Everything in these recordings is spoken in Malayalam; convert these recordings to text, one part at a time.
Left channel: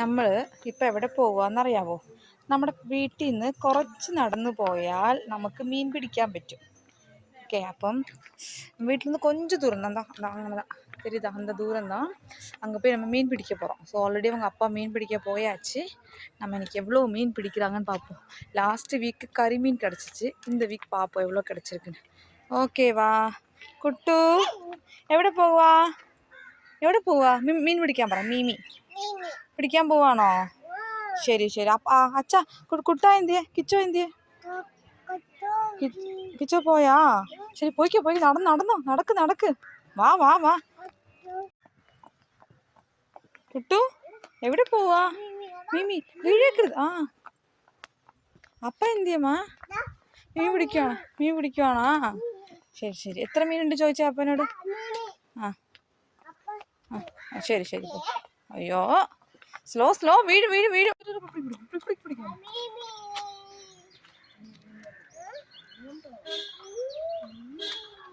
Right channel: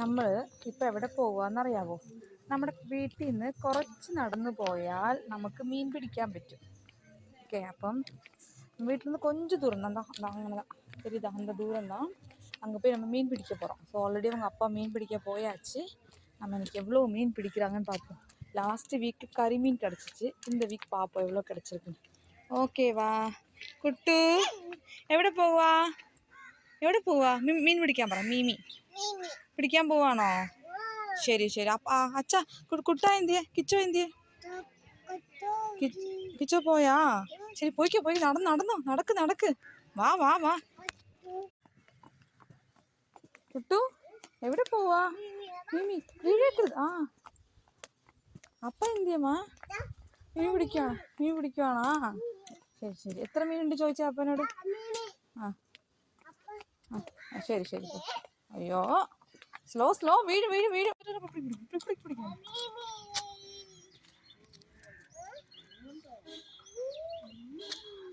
നമ്മൾ ഇപ്പം എവിടെ പോകുകയെന്നറിയാമോ? നമ്മുടെ വീട്ടിൽ നിന്ന് കുറച്ച് നടന്നു പോയാൽ നമുക്ക് മീൻ പിടിക്കാൻ പറ്റും. ஓகே, അപ്പം வீட்டில் இருந்து கொஞ்சம் தூரம் தான் அங்கே தான் தெரியுதா, அந்த தூரம் தான். அங்கே போய் நம்ம மீன் பிடிக்க போகிறோம். ஸோ ஆல்ரெடி அவங்க அப்பா மீன் பிடிக்க போயாச்சு. நம்ம இன்றைக்கி எவ்வளோ மீன் பிடிக்கிறாங்கன்னு பார்ப்போம். லாஸ்ட்டு வீக்கு கறி மீன் கிடச்சிச்சு. இந்த வீக் பார்ப்போம் எவ்வளோ கிடச்சிருக்குன்னு. ஓகேவா കുട്ടു? എവിടെ പോവാ? എവിടെ പോവാ? മീൻ പിടിക്കാൻ പറ. മീമി പിടിക്കാൻ പോവാണോ? ശരി ശരി. അച്ഛാ കുട്ട എന്തിയെ? കിച്ചോ എന്തിയെ? കിച്ചോ പോയാ? ശരി, പോയിക്കോ പോയി. നടന്നോ നടക്ക്. വാ കുട്ടു എവിടെ പോവാ? മീമി വീഴേക്കരുത്. അപ്പ എന്തിയമ്മാ? മീൻ പിടിക്കുവാണോ? ശരി. എത്ര മീനുണ്ട് ചോദിച്ചാ അപ്പനോട്? ശരി. അയ്യോ, സ്ലോ. വീഴ്.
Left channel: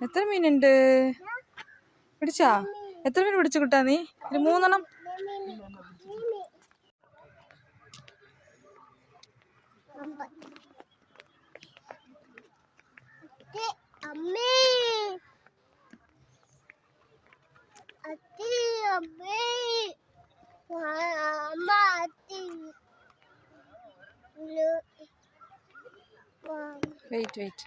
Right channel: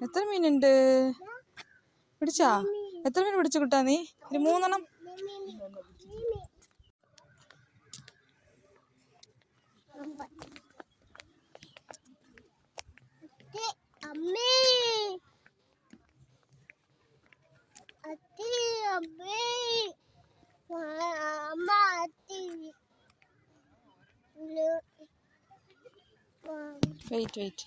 എത്ര മീനുണ്ട്? പിടിച്ചാ? എത്ര മീൻ പിടിച്ചു കിട്ടാ നീ? ഒരു 3 എണ്ണം. വെയിറ്റ്